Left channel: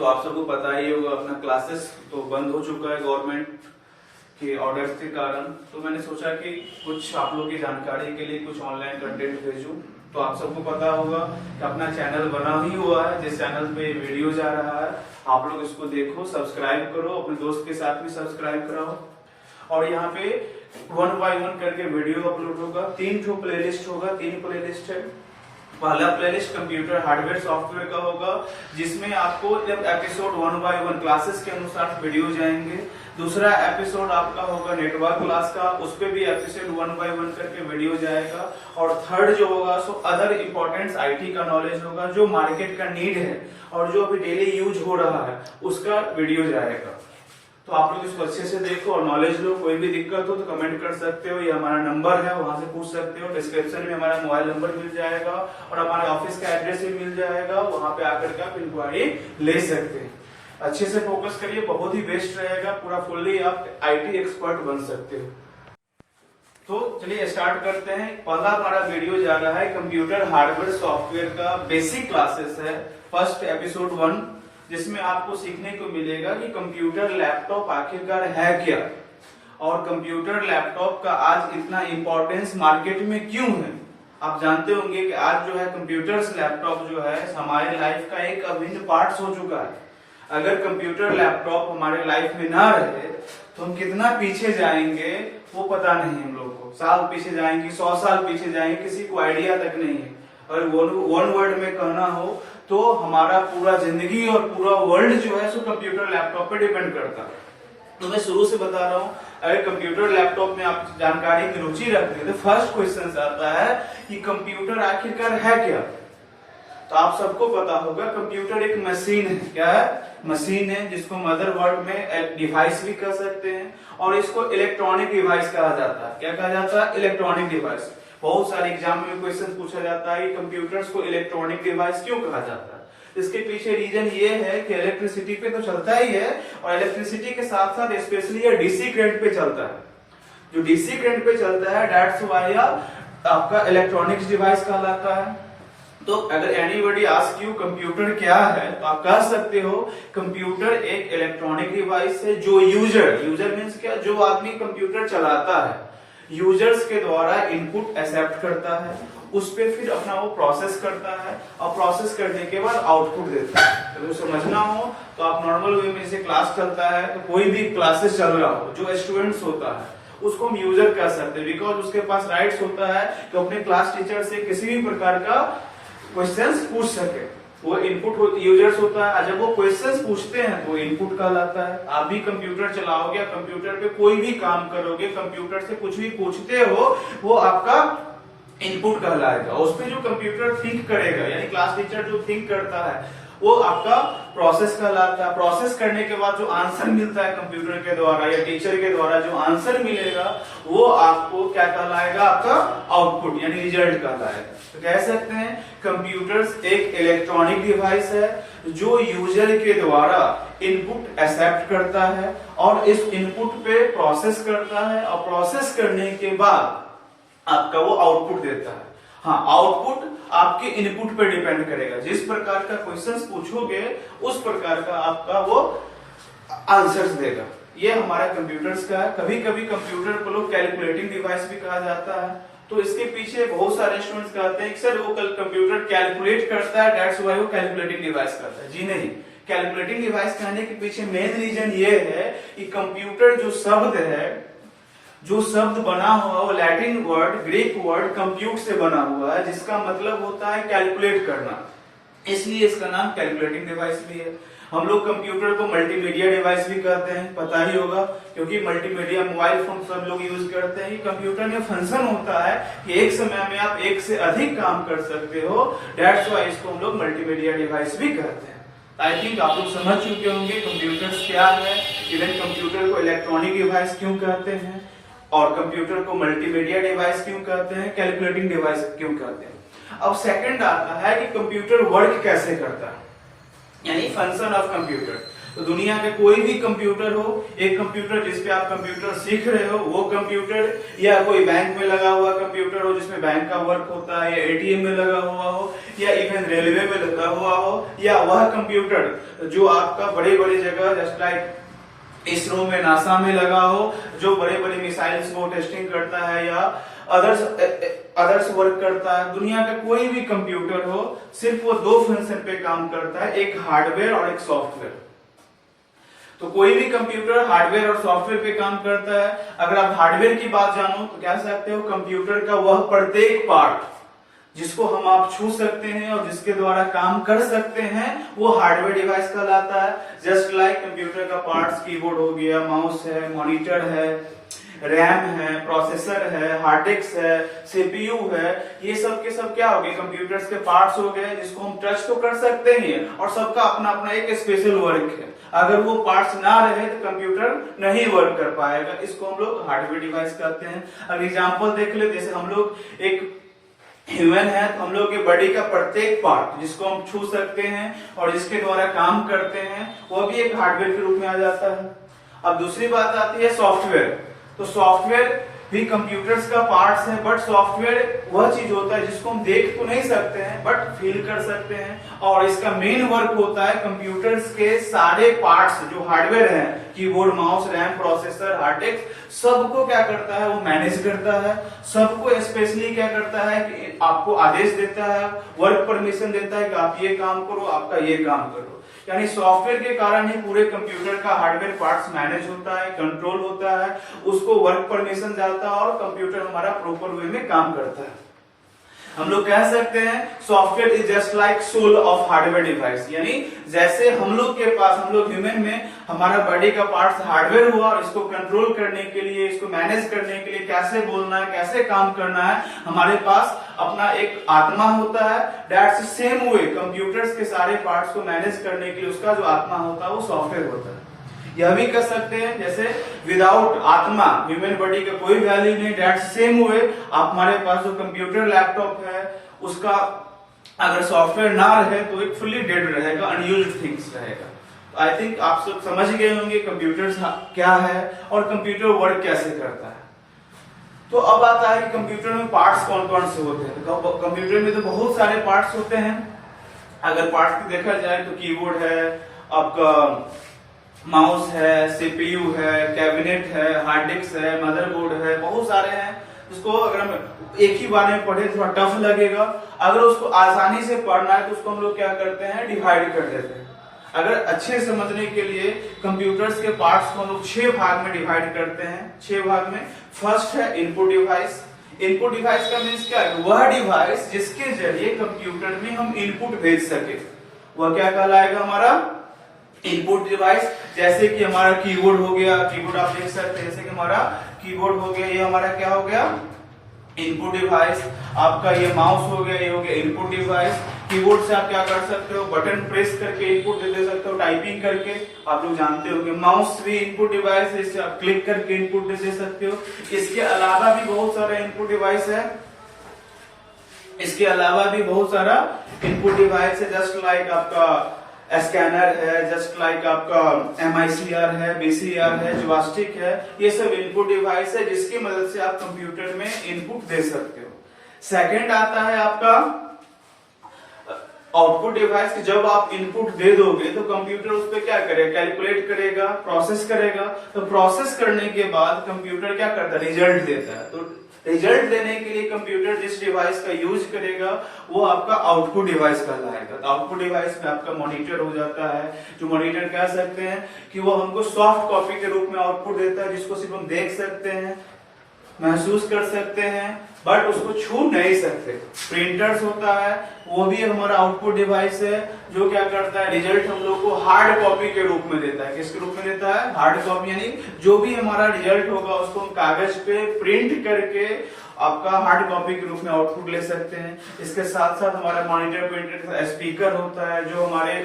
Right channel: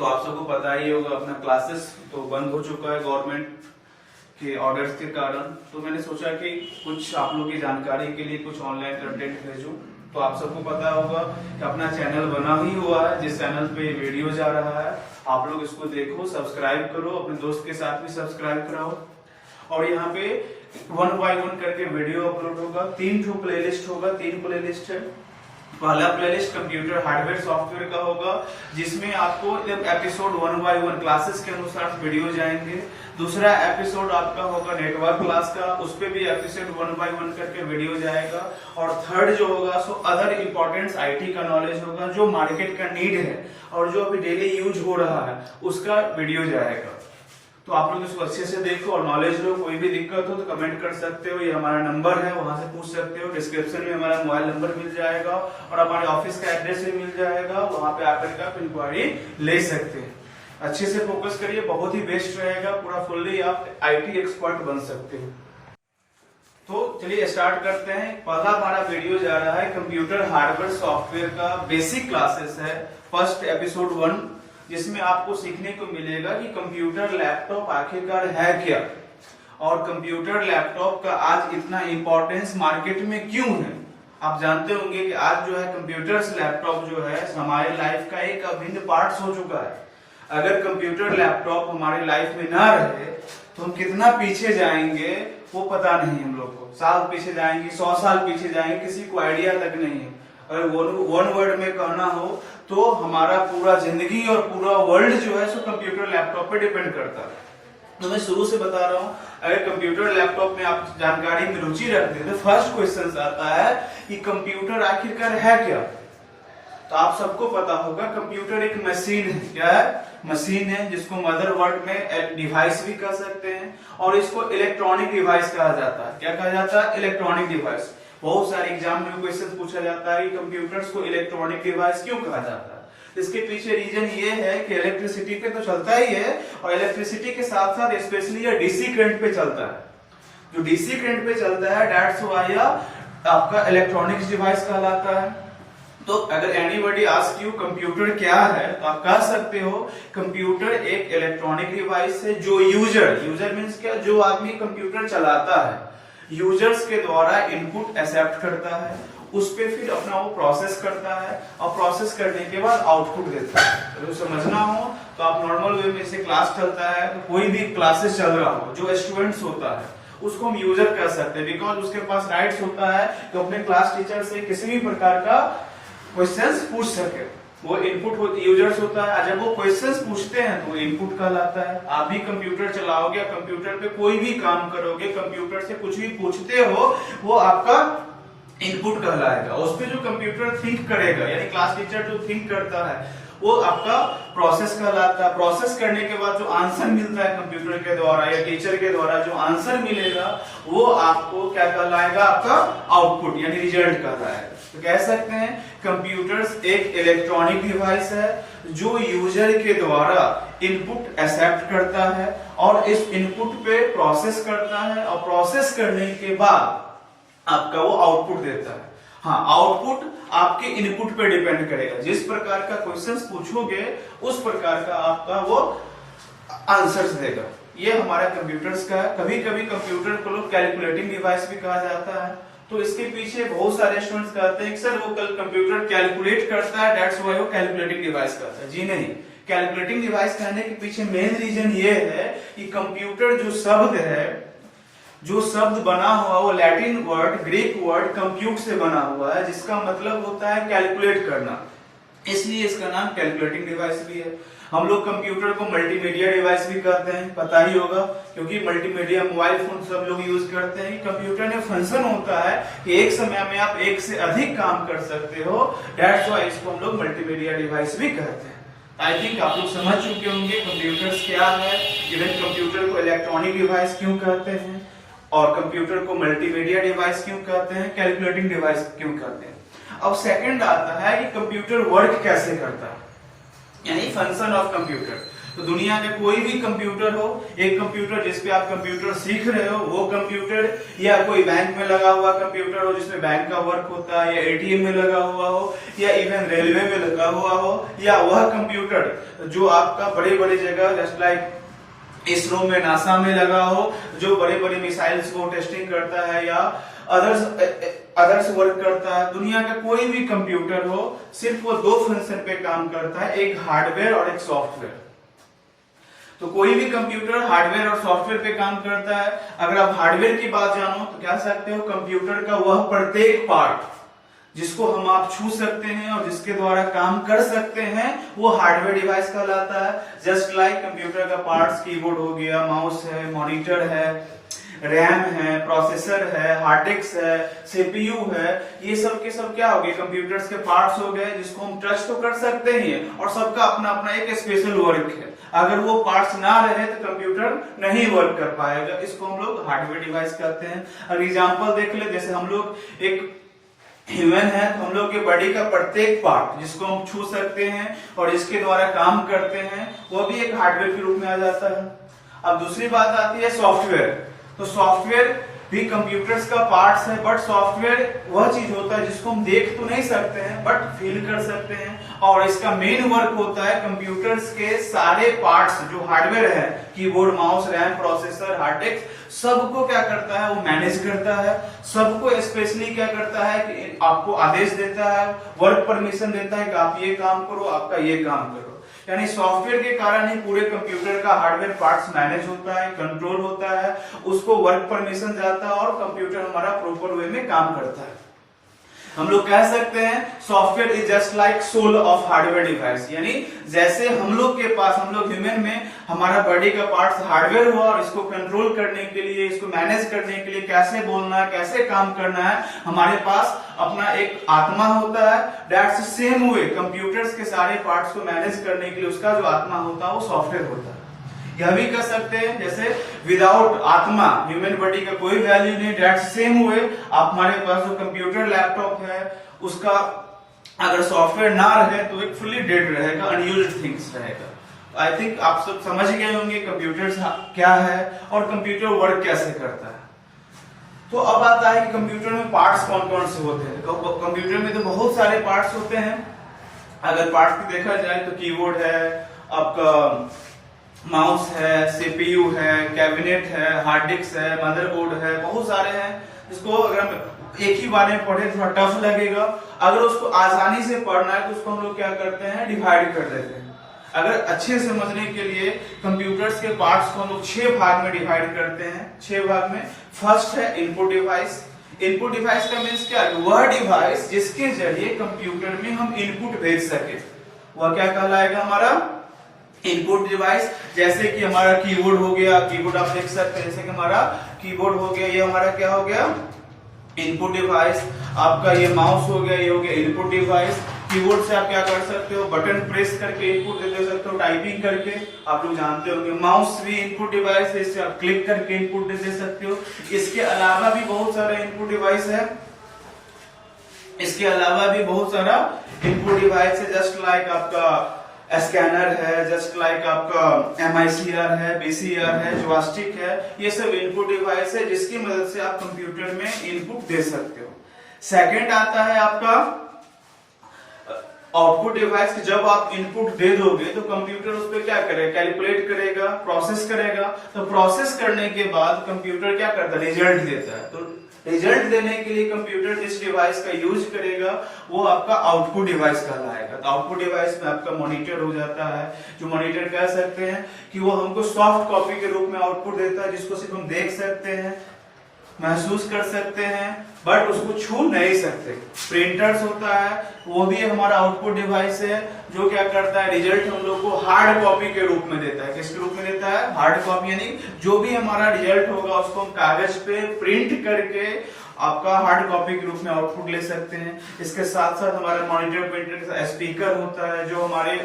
तो आप सबको पता ही होगा अपना क्लासेस तो बंद हो चुका है गवर्नमेंट के ऑर्डर्स के कारण। तो मैंने सोचा कि कुछ आप लोग की जानकारी के लिए कुछ ऑनलाइन कंटेंट भेजूं। तो आप सबको पता होगा कि अपना चैनल बना ही हुआ है, जिस चैनल पे वीडियो जा रहा है आप लोग इसको देखो, सब्सक्राइब करो, अपने दोस्त के साथ भी सब्सक्राइब कराओ। और यहाँ पे 1 by 1 करके वीडियो अपलोड होगा, 3 ठो प्लेलिस्ट होगा, 3 प्लेलिस्ट है। पहला प्लेलिस्ट कंप्यूटर हार्डवेयर सॉफ्टवेयर का होगा, जिसमें आपको एपिसोड 1 by 1 क्लासेस के अनुसार वीडियो जाएंगे। दूसरा एपिसोड आपका होगा नेटवर्क क्लास का, उस पे भी एपिसोड 1 by 1 करके वीडियो जाएगा। और थर्ड जो होगा सो अदर इंपॉर्टेंट आईटी का नॉलेज होगा, जो मार्केट का नीड है और जो अभी डेली यूज हो रहा है उसका वीडियो जाएगा। तो आप लोग इसको अच्छे से देखो और नॉलेज लो। कोई भी दिक्कत हो तो कमेंट कर सकते हो, ये हमारा नंबर है, वहां से पूछ सकते हो। डिस्क्रिप्शन में हमारा मोबाइल नंबर मिल जाएगा और हमारे ऑफिस का एड्रेस भी मिल जाएगा, वहां पे आकर के आप इंक्वायरी ले सकते हैं। अच्छे से फोकस करिए, बहुत ही बेस्ट रहेगा, पूरा फुल्ली आप आईटी एक्सपर्ट बन सकते हो। तो चलिए स्टार्ट करते हैं। पहला हमारा वीडियो जा रहा है कंप्यूटर हार्डवेयर सॉफ्टवेयर का बेसिक क्लासेस है, फर्स्ट एपिसोड 1, जिसमें आपको सीखने को मिलेगा कि कंप्यूटर लैपटॉप आखिरकार है क्या और कंप्यूटर लैपटॉप का आज इतना इंपॉर्टेंस मार्केट में क्यों है। आप जानते होंगे कि आज जो है कंप्यूटर्स लैपटॉप जो है हमारे लाइफ का एक अभिन्न पार्ट हो चुका है। अगर कंप्यूटर लैपटॉप हमारे लाइफ में ना रहे तो हम कितना पीछे जाएंगे वो पता नहीं हम लोग को। साल पीछे जाएंगे, 100 साल पीछे जाएंगे, किसी को आइडिया तक नहीं है। अगर वन वर्ड में कहना हो तो हमारा पूरा जिंदगी और पूरा वर्ल्ड जो है सो कंप्यूटर लैपटॉप पे डिपेंड करता है। तो मैं शुरू से बता रहा हूँ, अगर कंप्यूटर लैपटॉप में आप जानकारी में रुचि रखते हैं तो फर्स्ट क्वेश्चन आता है कि कंप्यूटर आखिरकार है क्या। तो आप सबको पता होगा कंप्यूटर एक मशीन है। क्या है? मशीन है, जिसको मदरबोर्ड में डिवाइस भी कह सकते हैं और इसको इलेक्ट्रॉनिक डिवाइस कहा जाता है। क्या कहा जाता है? Electronic device. बहुत सारे एग्जाम में क्वेश्चन पूछा जाता है कि कंप्यूटर्स को इलेक्ट्रॉनिक डिवाइस क्यों कहा जाता है। इसके पीछे रीजन ये है कि इलेक्ट्रिसिटी पे तो चलता ही है और इलेक्ट्रिसिटी के साथ साथ स्पेशली ये डीसी करंट पे चलता है। जो डीसी करंट पे चलता है दैट्स व्हाई आपका इलेक्ट्रॉनिक्स डिवाइस कहलाता है। तो अगर एनीबॉडी आस्क यू कंप्यूटर क्या है तो आप कह सकते हो कंप्यूटर एक इलेक्ट्रॉनिक डिवाइस है जो यूजर मीन्स क्या, जो आदमी कंप्यूटर चलाता है, यूजर्स के द्वारा इनपुट एक्सेप्ट करता है, उस पे फिर अपना वो प्रोसेस करता है और प्रोसेस करने के बाद आउटपुट देता है। तो समझना हो तो आप नॉर्मल वे में से क्लास चलता है तो कोई भी क्लासेस चल रहा हो, जो स्टूडेंट्स होता है उसको हम यूजर कह सकते हैं, बिकॉज उसके पास राइट्स होता है तो अपने क्लास टीचर से किसी भी प्रकार का क्वेश्चंस पूछ सके। वो इनपुट यूजर्स होता है, जब वो क्वेश्चंस पूछते हैं तो इनपुट कहलाता है। आप भी कंप्यूटर चलाओगे, कंप्यूटर पे कोई भी काम करोगे, कंप्यूटर से कुछ भी पूछते हो, वो आपका इनपुट कहलाएगा। उस पे जो कंप्यूटर थिंक करेगा, यानी क्लास टीचर जो थिंक करता है वो आपका प्रोसेस कहलाता है। प्रोसेस करने के बाद जो आंसर मिलता है कंप्यूटर के द्वारा या टीचर के द्वारा जो आंसर मिलेगा वो आपको क्या कहलाएगा? आपका आउटपुट यानी रिजल्ट कहलाएगा। तो कह सकते हैं कंप्यूटर्स एक इलेक्ट्रॉनिक डिवाइस है जो यूजर के द्वारा इनपुट एक्सेप्ट करता है और इस इनपुट पे प्रोसेस करता है और प्रोसेस करने के बाद आपका वो आउटपुट देता है। हाँ, आउटपुट आपके इनपुट पे डिपेंड करेगा। जिस प्रकार का क्वेश्चंस पूछोगे उस प्रकार का आपका वो आंसर्स देगा। ये हमारा कंप्यूटर्स का है। कभी कभी कंप्यूटर को लोग कैलकुलेटिंग डिवाइस भी कहा जाता है। तो इसके पीछे बहुत सारे स्टूडेंट्स कहते हैं कि सर वो कंप्यूटर कैलकुलेट करता है दैट्स व्हाई वो कैलकुलेटिंग डिवाइस करता है। जी नहीं, कैलकुलेटिंग डिवाइस कहने के पीछे मेन रीजन ये है कि कंप्यूटर जो शब्द है, जो शब्द बना हुआ वो Latin word, Greek word compute से बना हुआ है, जिसका मतलब होता है कैलकुलेट करना। इसलिए इसका नाम कैलकुलेटिंग डिवाइस भी है। हम लोग कंप्यूटर को मल्टीमीडिया डिवाइस भी कहते हैं, पता ही होगा, क्योंकि मल्टीमीडिया मोबाइल फोन सब लोग यूज करते हैं। कंप्यूटर में फंक्शन होता है कि एक समय में आप एक से अधिक काम कर सकते हो, दैट्स व्हाई इसको हम लोग मल्टीमीडिया डिवाइस भी कहते हैं। आई थिंक आप लोग समझ चुके होंगे कंप्यूटर्स क्या है, इवन कंप्यूटर को इलेक्ट्रॉनिक डिवाइस क्यों कहते हैं और कंप्यूटर को मल्टीमीडिया डिवाइस क्यों कहते हैं, कैलकुलेटिंग डिवाइस क्यों कहते हैं। अब सेकंड आता है कि कंप्यूटर वर्क कैसे करता है, यानी फंक्शन ऑफ कंप्यूटर। तो दुनिया का कोई भी कंप्यूटर हो, एक कंप्यूटर जिसपे आप कंप्यूटर सीख रहे हो वो कंप्यूटर, या कोई बैंक में लगा हुआ कंप्यूटर हो जिसमें बैंक का वर्क होता है, या एटीएम में लगा हुआ हो, या इवन रेलवे में लगा हुआ हो, या वह कंप्यूटर जो आपका बड़े बड़े जगह जस्ट लाइक इसरो में, नासा में लगा हो, जो बड़े बड़े मिसाइल्स को टेस्टिंग करता है या अदर्स वर्क करता है, दुनिया का कोई भी कंप्यूटर हो, सिर्फ वो दो फंक्शन पे काम करता है, एक हार्डवेयर और एक सॉफ्टवेयर। तो कोई भी कंप्यूटर हार्डवेयर और सॉफ्टवेयर पे काम करता है। अगर आप हार्डवेयर की बात जानो तो कह सकते हो कंप्यूटर का वह प्रत्येक पार्ट जिसको हम आप छू सकते हैं और जिसके द्वारा काम कर सकते हैं वो हार्डवेयर डिवाइस कहलाता है। जस्ट लाइक कंप्यूटर का पार्ट्स, कीबोर्ड हो गया, माउस है, मॉनिटर है, रैम है, प्रोसेसर है, हार्ड डिस्क है, सीपीयू है, ये सब के सब क्या हो गए, कंप्यूटर्स के पार्ट्स हो गए जिसको हम टच तो कर सकते हैं और सबका अपना अपना एक स्पेशल वर्क है। अगर वो पार्ट्स ना रहे तो कंप्यूटर नहीं वर्क कर पाएगा, इसको हम लोग हार्डवेयर डिवाइस कहते हैं। अगर एग्जांपल देख ले, जैसे हम लोग एक ह्यूमन है तो हम लोग के बॉडी का प्रत्येक पार्ट जिसको हम छू सकते हैं और जिसके द्वारा काम करते हैं वो भी एक हार्डवेयर के रूप में आ जाता है। अब दूसरी बात आती है सॉफ्टवेयर। तो सॉफ्टवेयर भी कंप्यूटर्स का पार्ट्स है, बट सॉफ्टवेयर वह चीज होता है जिसको हम देख तो नहीं सकते हैं बट फील कर सकते हैं, और इसका मेन वर्क होता है कंप्यूटर्स के सारे पार्ट्स जो हार्डवेयर है, keyboard, mouse, RAM, processor, hard disk, सबको क्या करता है वो मैनेज करता है। सबको स्पेशली क्या करता है कि आपको आदेश देता है, वर्क परमिशन देता है कि आप ये काम करो, आपका ये काम करो। यानी सॉफ्टवेयर के कारण ही पूरे कंप्यूटर का हार्डवेयर पार्ट्स मैनेज होता है, कंट्रोल होता है, उसको वर्क परमिशन जाता है और कंप्यूटर हमारा प्रॉपर वे में काम करता है। हम लोग कह सकते हैं software is just like soul of hardware device. यानी जैसे हम लोग के पास, हम लोग ह्यूमन में हमारा बॉडी का पार्ट्स हार्डवेयर हुआ, इसको कंट्रोल करने के लिए, इसको मैनेज करने के लिए, कैसे बोलना है, कैसे काम करना है, हमारे पास अपना एक आत्मा होता है। दैट्स सेम वे कंप्यूटर्स के सारे पार्ट्स को मैनेज करने के लिए उसका जो आत्मा होता है वो सॉफ्टवेयर होता है। यह भी कर सकते हैं जैसे विदाउट आत्मा ह्यूमन बॉडी का कोई वैल्यू नहीं। दैट्स सेम वे आप हमारे पास जो कंप्यूटर लैपटॉप है उसका अगर सॉफ्टवेयर ना रहे तो एक फुल्ली डेड रहेगा, अनयूज्ड थिंग्स रहेगा। आई थिंक आप सब समझ गए होंगे कंप्यूटर क्या है और कंप्यूटर वर्क कैसे करता है। तो अब आता है कि कंप्यूटर में पार्ट्स कौन कौन से होते हैं। कंप्यूटर में तो बहुत सारे पार्ट्स होते हैं। अगर पार्ट्स की देखा जाए तो कीबोर्ड है, आपका माउस है, सीपीयू है, कैबिनेट है, हार्ड डिस्क है, मदरबोर्ड है, बहुत सारे हैं जिसको अगर हम एक ही बार में पढ़े थोड़ा टफ लगेगा। अगर उसको आसानी से पढ़ना है तो उसको हम लोग क्या करते हैं, डिवाइड कर देते हैं। अगर अच्छे से समझने के लिए कंप्यूटर्स के पार्ट्स को हम लोग 6 भाग में डिवाइड करते हैं। 6 भाग में फर्स्ट है इनपुट डिवाइस। इनपुट डिवाइस का मीन्स क्या है, वह डिवाइस जिसके जरिए कंप्यूटर में हम इनपुट भेज सके, वह क्या कहलाएगा, हमारा इनपुट डिवाइस। जैसे कि हमारा कीबोर्ड हो गया, कीबोर्ड आप देख सकते हैं, जैसे कि हमारा कीबोर्ड हो गया, ये हमारा क्या हो गया, इनपुट डिवाइस। आपका ये माउस हो गया, ये हो गया इनपुट डिवाइस। कीबोर्ड से आप क्या कर सकते हो, बटन प्रेस करके इनपुट दे सकते हो, टाइपिंग करके, आप लोग जानते होंगे। माउस भी इनपुट डिवाइस है, इससे आप क्लिक करके इनपुट दे सकते हो। इसके अलावा भी बहुत सारे इनपुट डिवाइस है, इसके अलावा भी बहुत सारा इनपुट डिवाइस है। जस्ट लाइक आपका स्कैनर है, जस्ट लाइक आपका MICR है, BCR है, जॉयस्टिक है, ये सब इनपुट डिवाइस है जिसकी मदद से आप कंप्यूटर में इनपुट दे सकते हो। सेकंड आता है आपका आउटपुट डिवाइस की। जब आप इनपुट दे दोगे तो कंप्यूटर उस पर क्या करेगा, कैलकुलेट करेगा, प्रोसेस करेगा। तो प्रोसेस करने के बाद कंप्यूटर क्या करता है, रिजल्ट देता है। तो रिजल्ट देने के लिए कंप्यूटर जिस डिवाइस का यूज करेगा वो आपका आउटपुट डिवाइस कहलाएगा। तो आउटपुट डिवाइस में आपका मॉनिटर हो जाता है, जो मॉनिटर कह सकते हैं कि वो हमको सॉफ्ट कॉपी के रूप में आउटपुट देता है, जिसको सिर्फ हम देख सकते हैं, महसूस कर सकते हैं, बट उसको छू नहीं सकते। प्रिंटर्स होता है, वो भी हमारा आउटपुट डिवाइस है, जो क्या करता है, रिजल्ट हम लोग को हार्ड कॉपी के रूप में देता है। किसके रूप में देता है, हार्ड कॉपी। यानी जो भी हमारा रिजल्ट होगा उसको हम कागज पे प्रिंट करके आपका हार्ड कॉपी के रूप में आउटपुट ले सकते हैं। इसके साथ साथ हमारा मॉनिटर, प्रिंटर, स्पीकर होता है जो हमारे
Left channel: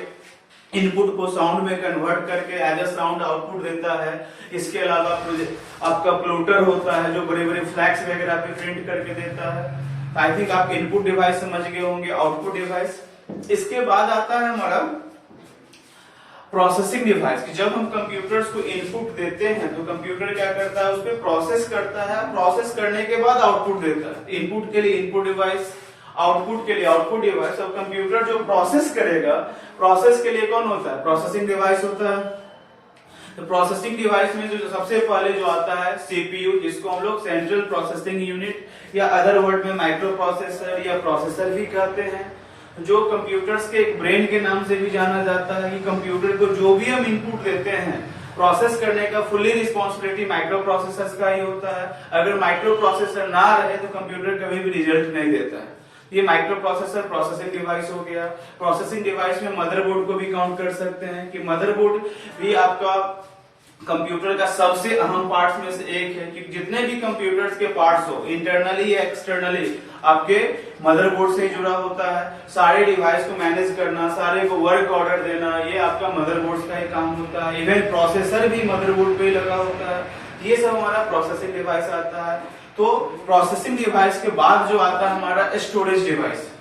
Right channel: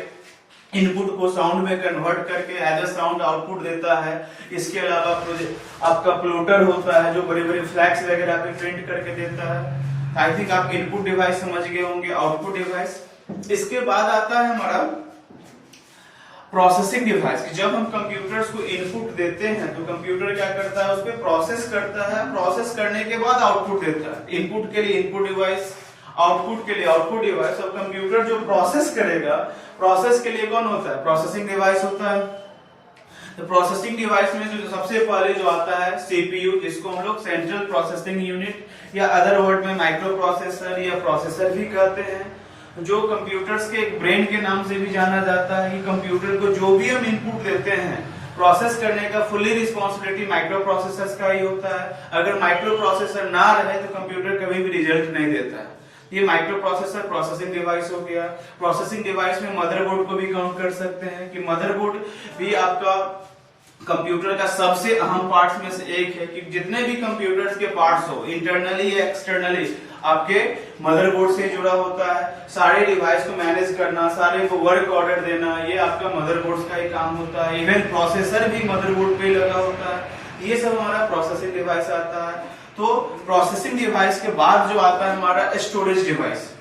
इनपुट को साउंड में कन्वर्ट करके एज अ साउंड आउटपुट देता है। इसके अलावा आपका प्लोटर होता है जो बड़े बड़े फ्लैग्स वगैरह पे प्रिंट करके देता है। आई थिंक आप इनपुट डिवाइस समझ गए होंगे, आउटपुट डिवाइस। इसके बाद आता है हमारा प्रोसेसिंग डिवाइस की जब हम कंप्यूटर्स को इनपुट देते हैं तो कंप्यूटर क्या करता है, उसको प्रोसेस करता है, प्रोसेस करने के बाद आउटपुट देता है। इनपुट के लिए इनपुट डिवाइस, आउटपुट के लिए आउटपुट डिवाइस। और कंप्यूटर जो प्रोसेस करेगा, प्रोसेस के लिए कौन होता है, प्रोसेसिंग डिवाइस होता है। तो प्रोसेसिंग डिवाइस में जो सबसे पहले जो आता है सीपीयू, जिसको हम लोग सेंट्रल प्रोसेसिंग यूनिट या अदर वर्ड में माइक्रो प्रोसेसर या प्रोसेसर भी कहते हैं, जो कंप्यूटर्स के एक ब्रेन के नाम से भी जाना जाता है। कंप्यूटर को जो भी हम इनपुट देते हैं प्रोसेस करने का फुल्ली रिस्पॉन्सिबिलिटी माइक्रो प्रोसेसर का ही होता है। अगर माइक्रो प्रोसेसर ना रहे तो कंप्यूटर कभी भी रिजल्ट नहीं देता है। ये माइक्रो प्रोसेसर प्रोसेसिंग डिवाइस हो गया। प्रोसेसिंग डिवाइस में मदरबोर्ड को भी काउंट कर सकते हैं कि मदरबोर्ड भी आपका कंप्यूटर का सबसे अहम पार्ट्स में से एक है कि जितने भी कंप्यूटर्स के पार्ट्स हो, इंटरनली या एक्सटर्नली, आपके मदरबोर्ड से जुड़ा होता है। सारे डिवाइस को मैनेज करना, सारे को वर्क ऑर्डर देना, ये आपका मदरबोर्ड का ही काम होता है। इवन प्रोसेसर भी मदरबोर्ड पे लगा होता है। ये सब हमारा प्रोसेसिंग डिवाइस आता है। तो प्रोसेसिंग डिवाइस के बाद जो आता है हमारा स्टोरेज डिवाइस।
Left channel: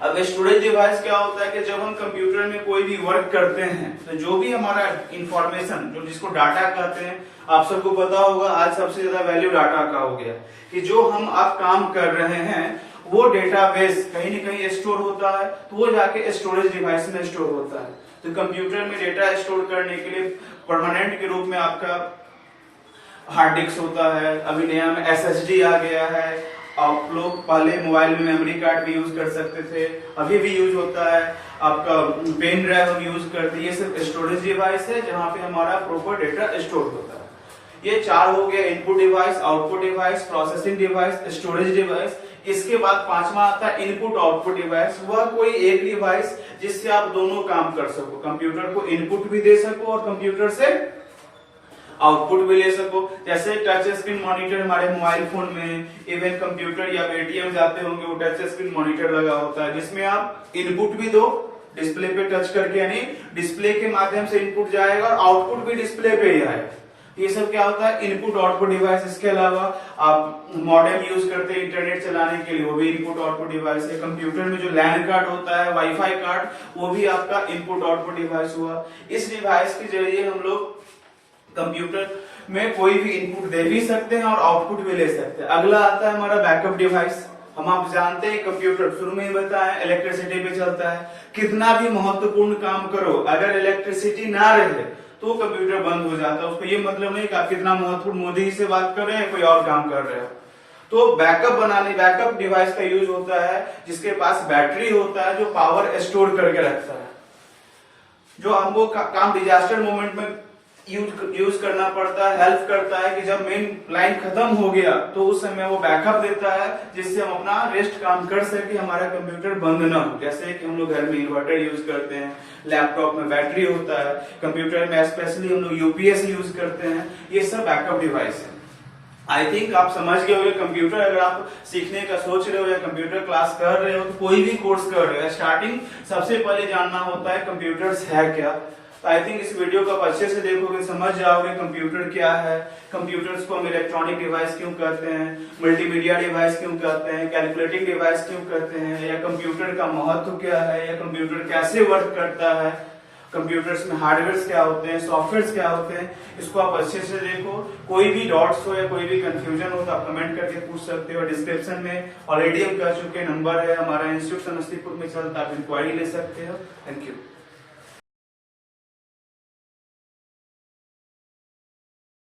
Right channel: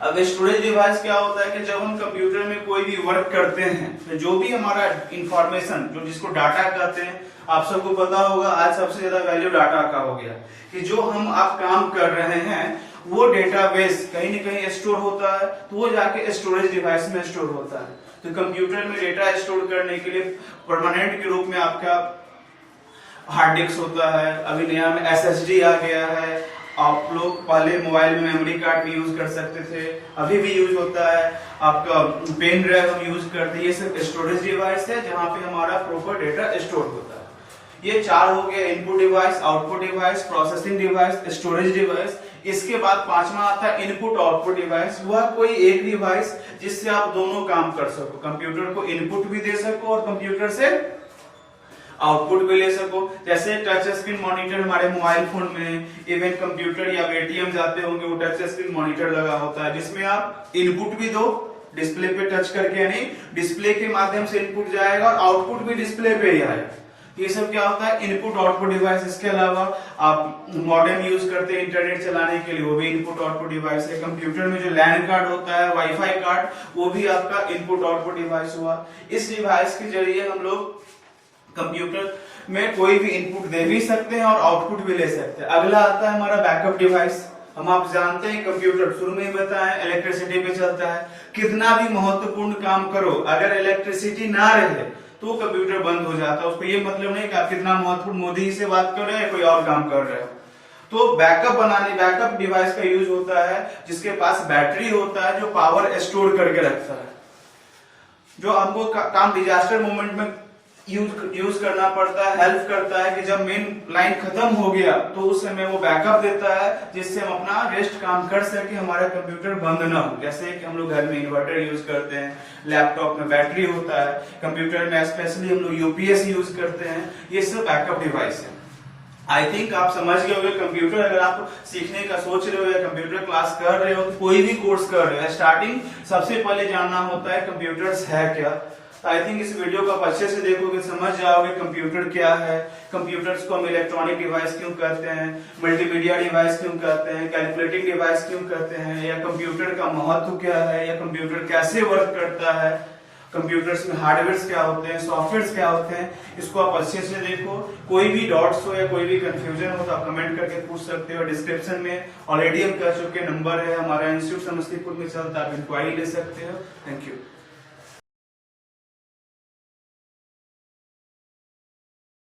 अब स्टोरेज डिवाइस क्या होता है कि जब हम कंप्यूटर में कोई भी वर्क करते हैं तो जो भी हमारा इंफॉर्मेशन, जो जिसको डाटा कहते हैं, आप सबको पता होगा आज सबसे ज्यादा वैल्यू डाटा का हो गया कि जो हम आप काम कर रहे हैं वो डेटाबेस कहीं न कहीं स्टोर होता है, तो वो जाके स्टोरेज डिवाइस में स्टोर होता है। तो कंप्यूटर में डेटा स्टोर करने के लिए परमानेंट के रूप में आपका हार्ड डिस्क होता है। अभी नया में एसएसडी आ गया है। आप लोग पहले मोबाइल में मेमोरी कार्ड भी यूज कर सकते थे, अभी भी यूज होता है। आपका पेन ड्राइव हम यूज करते हैं। ये सब स्टोरेज डिवाइस है जहां पे हमारा प्रॉपर डेटा स्टोर होता है। ये चार हो गया, input device, output device, processing device, storage device. इसके बाद पांचवा आता है इनपुट आउटपुट डिवाइस। वह कोई एक डिवाइस जिससे आप दोनों काम कर सको, कंप्यूटर को इनपुट भी दे सको और कंप्यूटर से आउटपुट भी ले सको। जैसे टच स्क्रीन मॉनिटर हमारे मोबाइल फोन में, इवन कंप्यूटर या एटीएम जाते होंगे, वो टच स्क्रीन मॉनिटर लगा होता है जिसमें आप इनपुट भी दो डिस्प्ले पे टच करके, यानी डिस्प्ले के माध्यम से इनपुट जाएगा और आउटपुट भी डिस्प्ले पे ही आएगा। ये सब क्या होता है, इनपुट आउटपुट डिवाइस। इसके अलावा आप मॉडेम यूज करते हैं इंटरनेट चलाने के लिए, वो भी इनपुट आउटपुट डिवाइस है। कंप्यूटर में जो लैन कार्ड होता है, वाईफाई कार्ड, वो भी आपका इनपुट आउटपुट डिवाइस हुआ। इस डिवाइस के जरिए हम लोग कंप्यूटर में कोई भी इनपुट दे भी सकते हैं और आउटपुट भी ले सकते हैं। अगला आता है हमारा बैकअप डिवाइस। हम आप जानते हैं कंप्यूटर शुरू में ही बताया इलेक्ट्रिसिटी पे चलता है। कितना भी महत्वपूर्ण काम करो, अगर इलेक्ट्रिसिटी ना रहे तो कंप्यूटर बंद हो जाता है। उसको ये मतलब नहीं कि आप कितना महत्वपूर्ण मोदी से बात कर रहे हैं, कोई और काम कर रहे हो। तो बैकअप बनाने, बैकअप डिवाइस का यूज होता है जिसके पास बैटरी होता है जो पावर स्टोर करके रखता है, जो हमको काम डिजास्टर मोमेंट में यूज करना पड़ता है, हेल्प करता है कि जब मेन लाइन खत्म हो गया तो उस समय वो बैकअप देता है जिससे हम अपना रेस्ट काम कर सके, हमारा कंप्यूटर बंद ना हो। जैसे कि हम लोग घर में इन्वर्टर यूज करते हैं, लैपटॉप में बैटरी होता है, कंप्यूटर में स्पेशली हम लोग यूपीएस यूज करते हैं। ये सब बैकअप डिवाइस है। आई थिंक आप समझ गए होंगे कंप्यूटर। अगर आप सीखने का सोच रहे हो या कंप्यूटर क्लास कर रहे हो, कोई भी कोर्स कर रहे हो, स्टार्टिंग सबसे पहले जानना होता है कंप्यूटर्स है क्या। आई थिंक इस वीडियो को आप अच्छे से देखोगे, समझ जाओगे कंप्यूटर क्या है, कंप्यूटर्स को हम इलेक्ट्रॉनिक डिवाइस क्यों कहते हैं, मल्टीमीडिया डिवाइस क्यों कहते हैं, कैलकुलेटिंग डिवाइस क्यों कहते हैं, या कंप्यूटर का महत्व क्या है, या कंप्यूटर कैसे वर्क करता है, कंप्यूटर्स में हार्डवेयर क्या होते हैं, सॉफ्टवेयर क्या होते हैं। इसको आप अच्छे से देखो। कोई भी डाउट्स हो या कोई भी कंफ्यूजन हो तो आप कमेंट करके पूछ सकते हो। डिस्क्रिप्शन में ऑलरेडी हम कह चुके नंबर है हमारा, इंस्टीट्यूट समस्तीपुर में चलता, आप इंक्वायरी ले सकते हो। Thank you.